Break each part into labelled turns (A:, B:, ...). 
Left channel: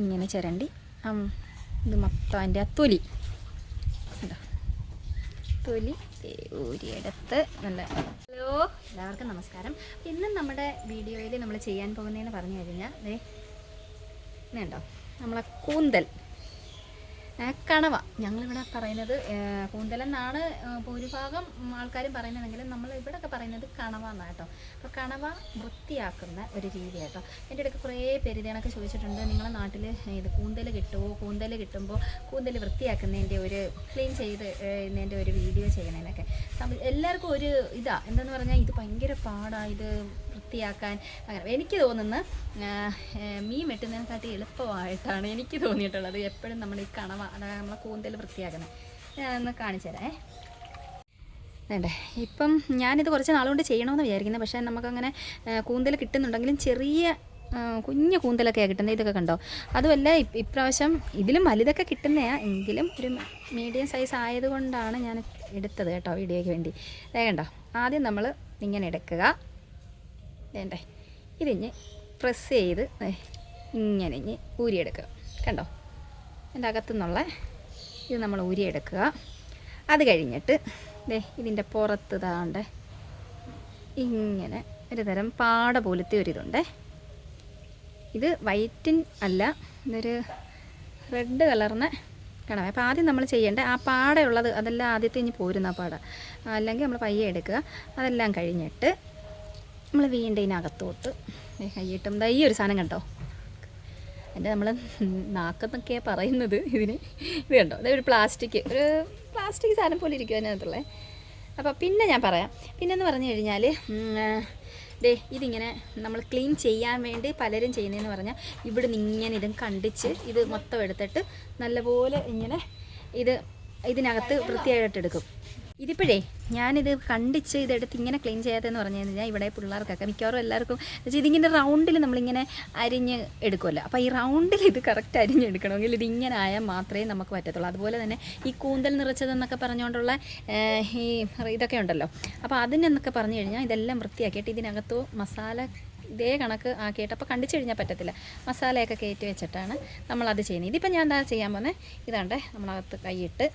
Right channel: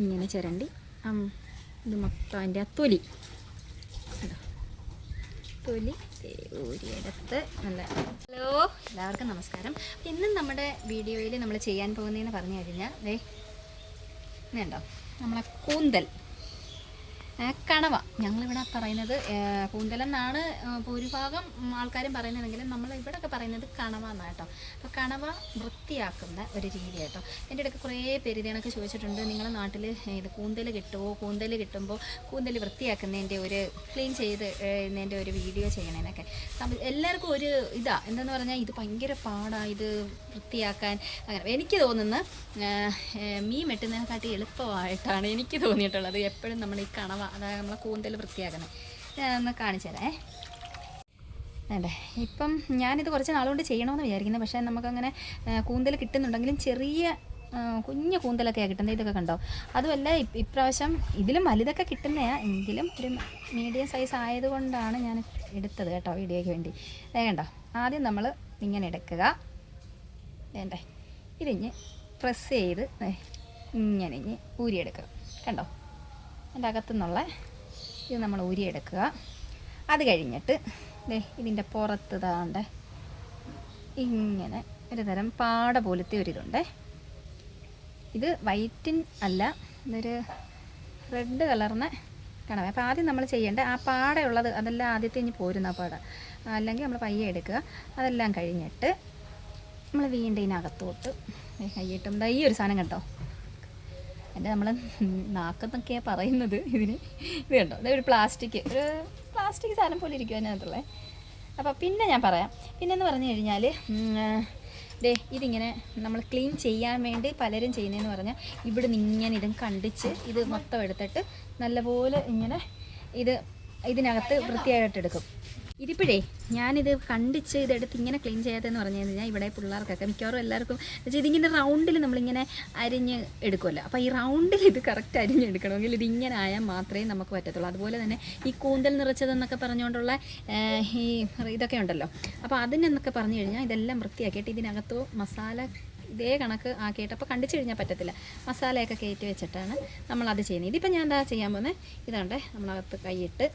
A: ഇങ്ങനെ ചിരണ്ടി. ഇത് മൊത്തം അതിന്റെ ആ തൊലി? തൊലി ഊരിയെടുത്ത് നല്ല ഹലോ എല്ലാവർക്കും നമസ്കാരം. ഇന്ന് നമ്മുടെ വീഡിയോയിൽ നമ്മൾ ചെയ്യാൻ പോകുന്നതെന്ന് പറഞ്ഞു കഴിഞ്ഞാൽ ഇതുണ്ടോ? നമ്മളെ കൂന്തൽ. കണവ. ഞങ്ങളിവിടെ പറയുന്നത് കൂന്തലം എന്നാണ് ഭൂരിഭാഗം ആൾക്കാരും പറയുന്നതെങ്കിലും നമ്മൾ ഇവിടെയൊക്കെ പറയുന്നത് കണവ എന്നാണ് കേട്ടോ. അപ്പോൾ കണവ വൃത്തിയാക്കുന്ന ഒരു രീതി കേട്ടോ എന്റെ ഇടയ്ക്ക് കുറേ പേര് ചോദിച്ചിട്ടുണ്ട്. നിങ്ങളെ നാട്ടിൽ ഇത് കൂന്തൽ കിട്ടുമോ കൂന്തൽ കിട്ടുമ്പോൾ കൂന്തൽ വൃത്തിയാക്കുന്നതിന്റെ ഒരു ക്ലീൻ ചെയ്ത് ഇതിന്റെ ഒരു വീഡിയോ ചെയ്യണേനൊക്കെ. എല്ലാവർക്കും ഒരു ഇതാ എന്തെന്ന് പറഞ്ഞാൽ ഇത് ഭയങ്കര പാടാണ് ഇത് വൃത്തിയാക്കാൻ. അങ്ങനെ എനിക്ക് തോന്നുന്ന മീൻ വെട്ടുന്നതിനെക്കാട്ടി എളുപ്പമായിട്ടാണ് എനിക്ക് തോന്നിയിട്ടുള്ളത്. എപ്പോഴും നമ്മൾ ഈ കണവ അതായത് നമ്മളെ കൂന്തൽ വൃത്തിയാക്കുന്നത് ഞാനൊന്ന് കാണിച്ചു തരാം വേണ്ടേ ഇപ്പം ഞാനിത് കുറച്ച് നാളുകൊണ്ട് ചെയ്യണമെന്ന് വിചാരിക്കുന്നത് പക്ഷേ നമുക്കങ്ങനെ കൂന്തൽ കിട്ടുന്നുണ്ടെങ്കിലും ചെറിയ കുഞ്ഞ് കൂന്തലൊക്കെയാണ് കിട്ടുന്നത് ഇതൊക്കെ കണ്ടോ? അതുമല്ല ഇപ്- ഇപ്രാവശ്യം ഇതിലും വലുതൊക്കെ കിട്ടുന്നതാണ് എങ്കിലും ഒരു മീഡിയം സൈസ് ആയതുകൊണ്ടാണ് ഞാൻ എടുത്തത് കേട്ടോ വീഡിയോയ്ക്ക് വേണ്ടി. ദേ കണ്ടോ? ആദ്യം നമ്മൾ ഇങ്ങനെ എടുക്കുക. വേണ്ടേ? ഇതിഞ്ഞ് പ്രസ് ചെയ്ത് ഇങ്ങനെ ഇഞ്ഞ് ഊരിയെടുക്കുക. കണ്ടോ? എന്റെ അകത്തു നിന്നുള്ള ഇത് നമ്മൾ ഊരിയെടുക്കുക. അത് കഴിഞ്ഞിട്ട് ദേ ഇതിന്റെ പുറത്ത് ഇതാണ്ട് ഇങ്ങനെ ഒരു തരം പാട പോലത്തെ ഒരിതുണ്ട് ഇത് വൈറ്റിൻ അല്ല ഇതൊരു റെഡ് കളറിന് കണവ. അപ്പോൾ ആദ്യം നമ്മൾ ചെയ്യേണ്ടത് ആ പാടയുള്ളത് അതെല്ലാം ആദ്യത്തെ ഇനി പോരുന്ന പാട. അല്ലെങ്കിൽ നമ്മൾ പയ്യെ എടുക്കുക. അതെല്ലാം കഴിഞ്ഞിട്ട് നമ്മൾ വീണ്ടും ഇതിനകത്തോട്ട് കൈയിട്ടും ദൈ ഒരു സാധനം കണ്ടോ? എന്റെ നമ്മൾ നാക്കെന്നൊക്കെയാണ് പറയുന്നത് ഇതിന്. ഇത് കണ്ടോ? ഒരു പ്ലാസ്റ്റിക് ഒരു പ്ലാസ്റ്റിക് സാധനം പോലെ ഇരിക്കും അതിനകത്തുള്ളത് അപ്പോൾ പിന്നെ ഞാൻ പറയാം. പിന്നെന്ന് പറഞ്ഞു കഴിഞ്ഞാൽ ദേ ഇതിങ്ങനെ നമ്മൾ ക്ലീൻ ചെയ്യാൻ വേണ്ടി പലരും ചെയ്യുന്നതെന്ന് പറഞ്ഞാൽ ഇവിടെ നിന്ന് ഇങ്ങനെ ഇതും കണ്ടിച്ച് ഇത് മൊത്തം എടുത്തിട്ട് നല്ലപോലെ ഇങ്ങനെ ഇത് ഇതിനകത്ത് വൃത്തിയായിട്ട് എടുക്കും. ഇതിപ്പോഴേ ഞാനിത് കണ്ടിച്ച് ഇതെടുത്ത് ഇങ്ങനെ ക്ലീൻ ചെയ്യാത്തതെന്ന് പറഞ്ഞു കഴിഞ്ഞാൽ ഇവിടെ പിള്ളേർക്കൊക്കെ മിക്കവാറും എല്ലാവർക്കും ഇതിങ്ങനെ റൗണ്ടിൽ നമ്മളിങ്ങനെ അരിഞ്ഞ് എടുക്കുമല്ലോ അപ്പോൾ ഈ റൗണ്ടിൽ ഇത് കറക്റ്റ് അരിഞ്ഞെടുക്കണമെങ്കിൽ ഇത് ഇങ്ങനെ ആയാൽ മാത്രമേ നമുക്ക് പറ്റത്തുള്ളൂ. അതുപോലെ തന്നെ ഈ കൂന്തൽ നിറച്ചതെന്നൊക്കെ പറഞ്ഞുകൊണ്ടുള്ള ഈ ഇതൊക്കെ ഉണ്ടല്ലോ. അപ്പോൾ അതിനെന്നൊക്കെ പറഞ്ഞു കഴിഞ്ഞാൽ ഇതെല്ലാം വൃത്തിയാക്കിയിട്ട് ഇതിനകത്തോ മസാല ഇതേ കണക്ക് ആക്കിയിട്ട് അപ്പോൾ കണ്ടിച്ച് കഴിഞ്ഞാൽ പറ്റത്തില്ല. മസാലയൊക്കെ കയറ്റി വെച്ചിട്ടാണ് നമ്മളത് ചെയ്യുന്നത്. ഇതിപ്പോൾ ഞാൻ എന്താ ചെയ്യാൻ പോകുന്നത് ഇതാണ്ടേ നമ്മളകത്ത് കൈയിട്ട്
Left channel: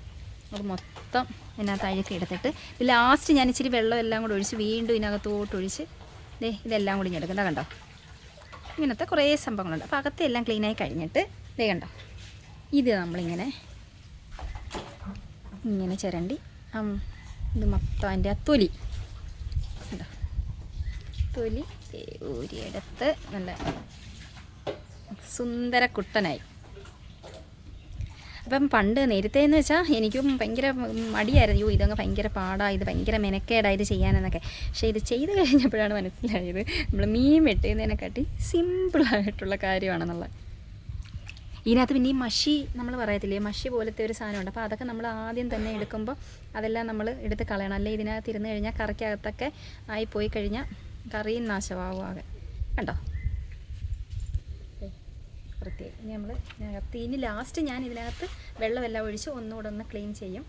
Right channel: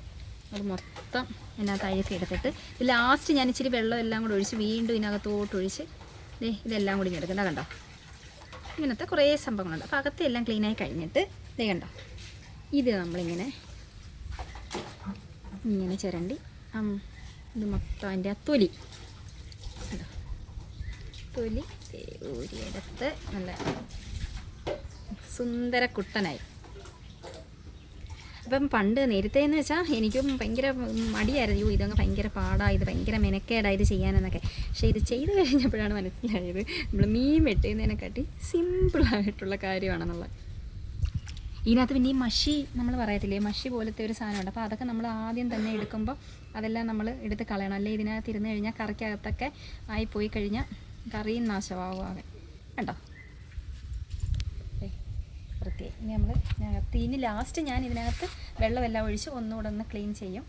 A: അത് മൊത്തം ഇതിനകത്ത് അഴുക്കി എടുത്തിട്ട് ഇത് ലാസ്റ്റ് ഞാൻ ഇച്ചിരി വെള്ളം എല്ലാം കൂടി ഒഴിച്ച് വീണ്ടും ഇതിനകത്തോട്ട് ഒഴിച്ച് ദേ ഇതെല്ലാം കൂടി എടുക്കണ്ട കണ്ടോ? ഇങ്ങനത്തെ കുറേ സംഭവങ്ങളുണ്ട്. അപ്പോൾ അകത്തെ എല്ലാം ക്ലീനായി കഴിഞ്ഞിട്ട് ദേ കണ്ടോ? ഇത് നമ്മളിങ്ങനെ ഇങ്ങനെ ചിരണ്ടി ഇത് മൊത്തം അതിന്റെ ആ തൊലി. തൊലി ദേ ഊരിയെടുത്ത് നല്ല സുന്ദര കുട്ടനായി. അപ്പം പണ്ട് നേരത്തെ എന്ന് വെച്ചാൽ എനിക്കും ഭയങ്കര മടിയായിരുന്നു. യോ ഇതൊക്കെ ഭയങ്കര പാടാണ് ഇത് ഭയങ്കര മെനക്കേടാ ഇത് ചെയ്യാനെന്നൊക്കെ. പക്ഷേ ഇത് ചെയ്ത് കഴിഞ്ഞപ്പോഴാണ് മനസ്സിലായത് നമ്മൾ മീൻ വെട്ടുന്നതിനെക്കാട്ടി സിമ്പിളായിട്ടുള്ള കാര്യമാണെന്നുള്ളത് ഇതിനകത്ത് പിന്നെ ഈ മഷി നമ്മൾ പറയത്തില്ലേ മഷി പോലത്തെ ഒരു സാധനമുണ്ട്. അപ്പോൾ അതൊക്കെ നമ്മൾ ആദ്യം തന്നെ എടുക്കുമ്പോൾ അതെല്ലാം നമ്മൾ എടുത്ത് കളയണം. അല്ലെങ്കിൽ ഇതിനകത്ത് ഇരുന്ന് കഴിഞ്ഞാൽ കറിക്കകത്തൊക്കെ ആയിപ്പോയി പോയി കഴിഞ്ഞാൽ കറിയും നാശമാവും ആകെ. കണ്ടോ? വൃത്തിയായി. ഇനി നമ്മൾ ഇതിനകത്ത് ഇനി ലാസ്റ്റ് ഞാൻ ഇതിനകത്ത് വെള്ളമെല്ലാം ഒഴിച്ച് ഒന്നുകൂടെ ഒന്ന് ക്ലീൻ ചെയ്യും.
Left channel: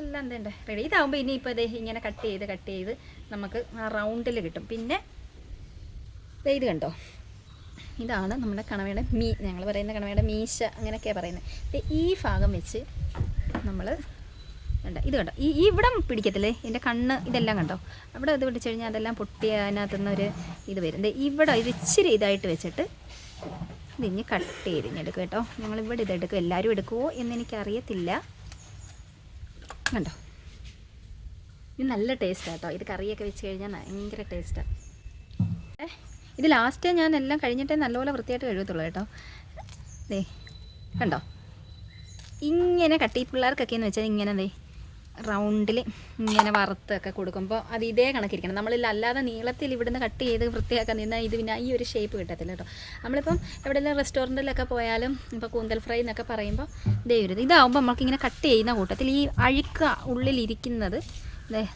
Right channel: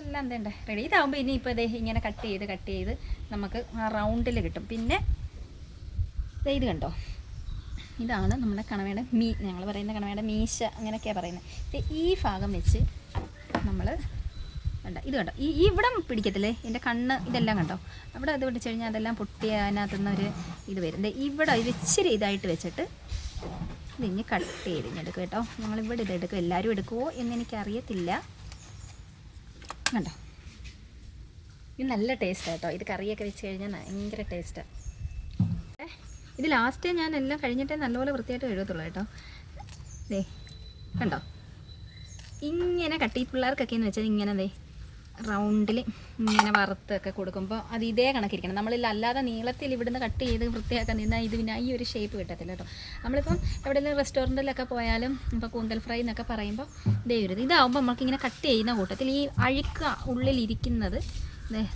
A: എല്ലാം എന്തേണ്ടേ റെഡി ഇതാകുമ്പോൾ ഇനി ഇപ്പോൾ ഇതേ ഇങ്ങനെ കട്ട് ചെയ്ത് കട്ട് ചെയ്ത് നമുക്ക് ആ റൗണ്ടിൽ കിട്ടും. പിന്നെ ഇത് കണ്ടോ? ഇതാണ് നമ്മുടെ കണവയുടെ മീ ഞങ്ങൾ പറയുന്ന കണവയുടെ മീശ അങ്ങനെയൊക്കെയാണ് പറയുന്നത് ഈ ഭാഗം വെച്ച് നമ്മൾ വേണ്ട ഇത് കണ്ടോ? ഈ ഇവിടെ പിടിക്കത്തില്ലേ? എന്റെ കണ്ണ് ഇതെല്ലാം കണ്ടോ? അവിടെ ഇത് പിടിച്ചു കഴിഞ്ഞാൽ അതെല്ലാം പൊട്ടി ഒരു ഇത് വരും. ഇവിടെ ഇത് ഇച്ചിരി ഇതായിട്ട് വെച്ചിട്ട് ഇതിഞ്ഞ് കട്ട് ചെയ്ത് ഇങ്ങെടുക്കും കേട്ടോ. ഞങ്ങൾ ഇവിടെ ഇതെടുക്കും. എല്ലാവരും എടുക്കുമോ എന്ന് എനിക്കറിയത്തില്ല കണ്ടോ? ഇത് നല്ല ടേസ്റ്റാണ് കേട്ടോ. ഇത് കറിയൊക്കെ വെച്ച് കഴിഞ്ഞാൽ ഭയങ്കര ടേസ്റ്റാണ് ഇത് ലാസ്റ്റ് ഞാൻ എല്ലാം കഴിഞ്ഞിട്ടേ നല്ലപോലെ വൃത്തിയായിട്ട് കഴുകത്തുള്ളൂ കേട്ടോ. കണ്ടോ? ഇങ്ങനെ കട്ടി പിള്ളേർക്കൊക്കെ എന്ന് വെച്ചാൽ ഇങ്ങനെ ദേ റൗണ്ടിൽ ഇങ്ങനെ വറുത്തൊക്കെ കൊടുക്കുമ്പോൾ അത് ഇതേ കണക്കിരിക്കണം. നമ്മളിൽ അല്ലാതെ നീളത്തിൽ ഇവിടുന്ന് കട്ട് ചെയ്ത് വൃത്തിയാക്കാൻ നിന്നാൽ ഇത് പിന്നെ ഈ ഒരു ഷേപ്പ് കിട്ടത്തില്ല കേട്ടോ. നമ്മളിപ്പം എവിടെയെങ്കിലും റെസ്റ്റോറന്റിലൊക്കെ പോയാലും ഇപ്പോൾ കൂന്തൽ ഫ്രൈ എന്നൊക്കെ പറയുമ്പോൾ ഇത് ഇതാവുമ്പോൾ നമുക്കിങ്ങനെ കട്ട് ചെയ്യുന്ന കൂട്ടത്തിൽ ഈ അഴുക്ക ഉള്ളിലിരിക്കുന്നത്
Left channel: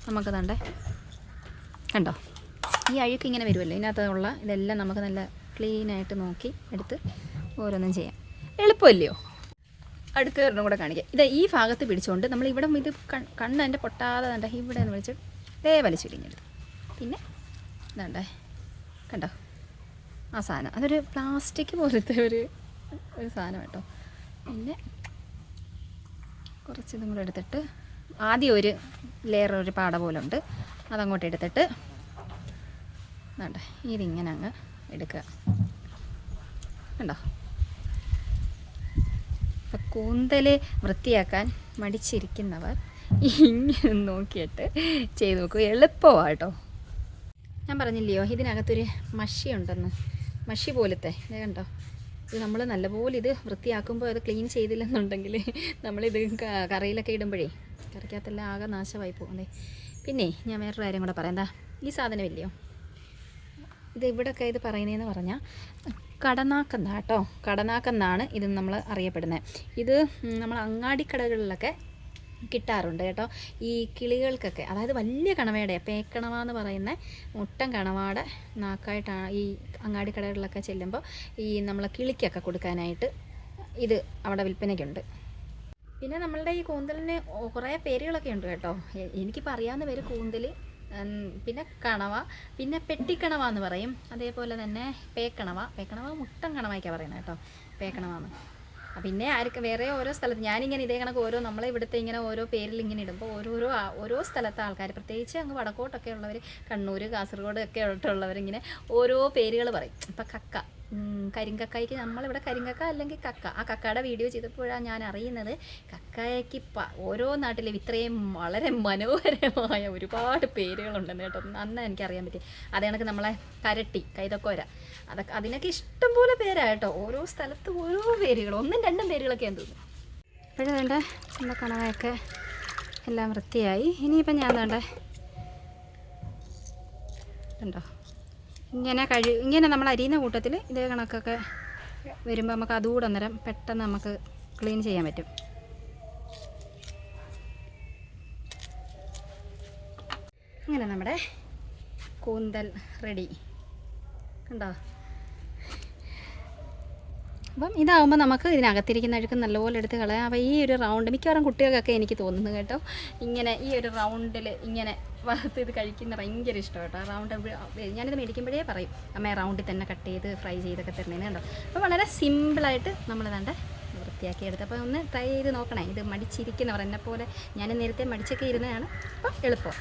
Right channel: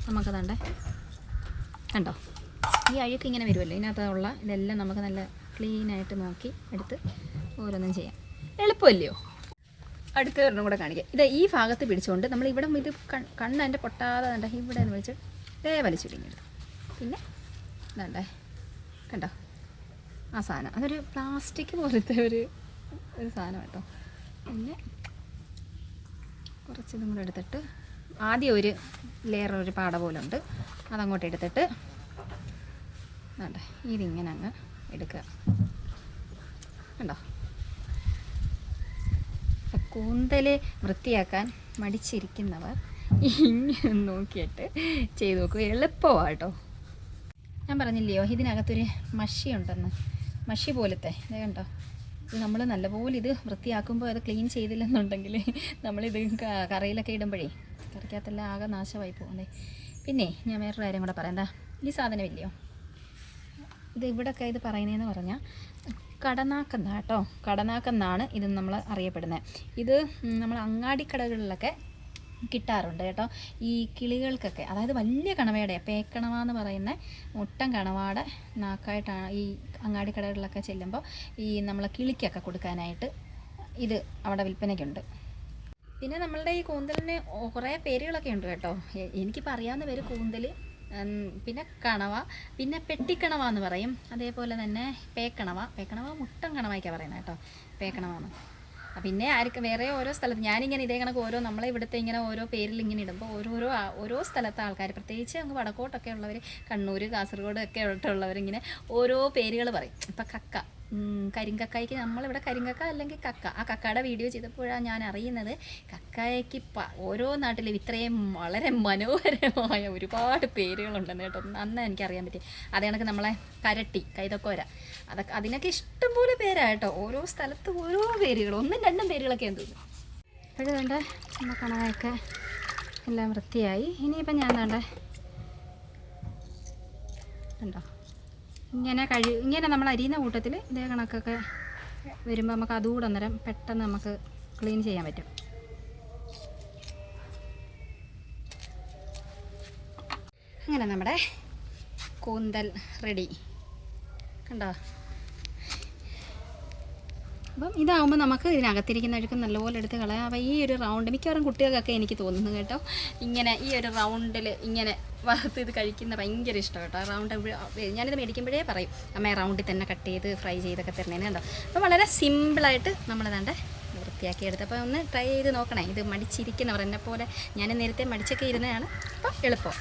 A: നമുക്ക് തണ്ടേ കണ്ടോ? ഈ അഴുക്ക് ഇങ്ങനെ വരുമല്ലോ ഇതിനകത്തുള്ള ഇതെല്ലാം നമുക്ക് നല്ല ക്ലീനായിട്ട് നോക്കി എടുത്ത് ഓരോന്നും ചെയ്യാം. എളുപ്പമല്ലയോ? അടുത്ത ഒരെണ്ണം കൂടെ കാണിക്കാം. ഇത് ഈ ഭാഗത്ത് പിടിച്ചുകൊണ്ട് നമ്മൾ ഇവിടെ ഇത് കണ്ണ് എന്റെ പൊട്ടാതെ കണ്ട? ഇവിടെ എന്ന് വെച്ച് ദേ വലിച്ചുരിഞ്ഞെടുത്ത് പിന്നെ ഇതാണ്ടേ കണ്ടോ? ആ സാധനം. അതൊരു പ്ലാസ്റ്റിക് പോലത്തെ ഒരു ഒരു സാധനം കേട്ടോ. പിന്നെ കുറച്ച് ഇതും കൂടെ എടുത്തിട്ട് ആദ്യം ഒരു ലെയർ ഒരു പാട പോലെ ഉണ്ട് അതങ്ങോട്ട് എടുത്തിട്ട് വേണ്ട ഇതിങ്ങനെ അങ്ങ് എടുക്കുക. കണ്ടോ? കൂന്തൽ വൃത്തിയാക്കാൻ മടിച്ചിരിക്കുന്നവർ ഇങ്ങനെ നോക്കിയിട്ട് ചെയ്ത് നോക്കും. എളുപ്പമാണ് കേട്ടോ ഞാൻ പറഞ്ഞില്ലയോ ഇതിനകത്തൊരു മഷി ഉണ്ടെന്ന്. മഷി പോലത്തെ ഇത് കണ്ടോ? ഇത് നമ്മൾ നല്ലപോലെ ഇത് വൃത്തിയാക്കുമ്പോൾ അത് ക്ലീൻ ചെയ്തില്ലെന്നുണ്ടെങ്കിൽ നമ്മളിത് കറിയിലൊക്കെ ഇടുമ്പോഴേ കറിക്കകത്തെല്ലാം ആകെ നാശമായി പോകുന്നേ. പിന്നെ ഞാൻ വേറൊരു കാര്യം കൂടെ പറയാം. എന്താ ഈ സാധനമില്ലയോ ഇത് ഇവിടെയൊക്കെ ഇത് പറയുന്നതെന്ന് പറഞ്ഞാൽ കടനാക്കെന്ന കേട്ടോ കടനാക്കെന്നാണ് ഇത് നമ്മൾ അറിയപ്പെടുന്നത് ഇത് നമ്മൾ അങ്ങാടിക്കടകളിലൊക്കെ കിട്ടാറുണ്ട് കേട്ടോ. ഈ കിളികൾക്കൊക്കെ. അതായത് വലിയ കണവയുടെ പേക്കണവ എന്ന് പറയുന്ന മുട്ടൻ കണവാടെ നാക്കായിട്ടാണ് ഈ അങ്ങാടിക്കടകളിലൊക്കെ ചെല്ലുമ്പോൾ ഈ നമ്മൾ കിളിക്കൊക്കെ കൊടുക്കാനായിട്ട് ഇത് അവിടെ വിൽപ്പനയ്ക്കുണ്ട്. പിന്നെ നമ്മളുടെ ഈ കൂന്തലിന് കുറേ പേരുകളൊക്കെ ഉണ്ട് കേട്ടോ. എനിക്കിപ്പോൾ അറിയാവുന്ന പേര് കൂന്തൽ പിന്നെ കണവ പിന്നെ പെട്ടിക്കണവ എന്ന് പറയും. അതേപോലെ തന്നെ പേക്കണവ. പേക്കണവ മുട്ടൻ കണവയ്ക്കാണ് പറയുന്നത് കേട്ടോ. പേക്കണവാന്ന്. ആ, പിന്നെ ആർക്ക് വേറെ ഓരോ സ്ഥലത്ത് ഞാനിങ്ങനെ ഇതേ കണക്ക് ഓരോ നമ്മളെ ഇവിടുത്തെ ഇങ്ങനെ ഓരോ പേരിൽ ഇങ്ങനെ ഇടുമ്പോൾ ഓരോരോ ഓരോ സ്ഥലത്തെ ആൾക്കാർ പ്രത്യേകിച്ച് അങ്ങ് വടക്കോട്ടൊക്കെ ഉള്ളവർ കണ്ണൂർ കാസർഗോഡ് ഒക്കെ ഉള്ളവർ ഇങ്ങനെ ഓരോ പേരുകൾ പറയും. ഇപ്പം കക്ക. കരിങ്കക്കായ്ക്ക് നമ്മളിവിടെ കരിങ്കക്ക അല്ലെങ്കിൽ കക്ക. ആ കക്കയുടെ വീഡിയോ ചെയ്തപ്പോഴാണ് ഞാൻ അറിയുന്നത് കക്കായക്ക് പ ഓരോ നാട്ടിലും ഇത്രയും വളരെ മനോഹരമായ ഒരുപാട് പേരുകളുണ്ടെന്ന് കേട്ടോ. അന്ന് എനിക്കറിയാൻ പറ്റി. അതേ കണക്ക് നമ്മളെ കരട്ടി കൈതക്കോര. അതൊക്കെ അതിനൊക്കെ ഇഷ്ടംപോലെ പേരായിട്ടോ ഓരോ സ്ഥലത്ത് ഓരോ പേരുകൾ ഒന്നും രണ്ടും പേരുകളൊക്കെയാന്ന് തോന്നുന്നു ഇപ്പോഴും വേണ്ട നമ്മുടെ കണവയൊക്കെ എല്ലാം വൃത്തിയായി. ഇനിയിപ്പം ഞാൻ വേണ്ട ഉണ്ടോ ഇങ്ങനെ കഴി ഇങ്ങനെ നമ്മൾ അരിയുന്ന കൂട്ടത്തിൽ ഇതേ കണക്കൊക്കെ വരുമ്പോൾ നമുക്ക് അതുകൂടെ അന്നേരം പെട്ടെന്ന് നമുക്ക് ക്ലീൻ ചെയ്യാൻ പറ്റും. അങ്ങനെ നമ്മുടെ കൂന്തൽ റെഡി. കണ്ടോ? അപ്പം ഇതാവുമ്പോൾ നമുക്ക് ഇതിനകത്തിരിക്കുന്ന അഴുക്ക് നല്ലപോലെ എടുത്ത് കളയാം. അപ്പോൾ ഈ ഒരു റൗണ്ട് മിക്കവാറും കുട്ടികൾക്കൊക്കെ എനിക്ക് തോന്നുന്നു കേട്ടോ. ഇങ്ങനെ ഈ ഒരു റൗണ്ടിൽ ഇങ്ങനെ വറുത്ത് ഇത് കഴിക്കുന്ന ഭയങ്കര ഇഷ്ടം കേട്ടോ. റൗണ്ട് ഞാനിത് മേടിക്കുമ്പോഴേ പറയും. അമ്മ റൗണ്ടിൽ തന്നെ കട്ട് ചെയ്ത് ഫ്രൈ ചെയ്തൊക്കെ തരണേന്ന് കണ്ടോ? അപ്പോൾ വളരെ സിമ്പിളായിട്ട് നമ്മളിതാണ്ട് വൃത്തിയാക്കി എടുത്ത് അപ്പോൾ ഒന്ന് ട്രൈ ചെയ്ത് നോക്കണേ. ഇത് മടിച്ചിരിക്കുന്നവർ എന്നെ പോലെ ഞാൻ നേരത്തെ മടിച്ചൊക്കെ ഇരുന്നതാണ്. അപ്പോൾ എളുപ്പം.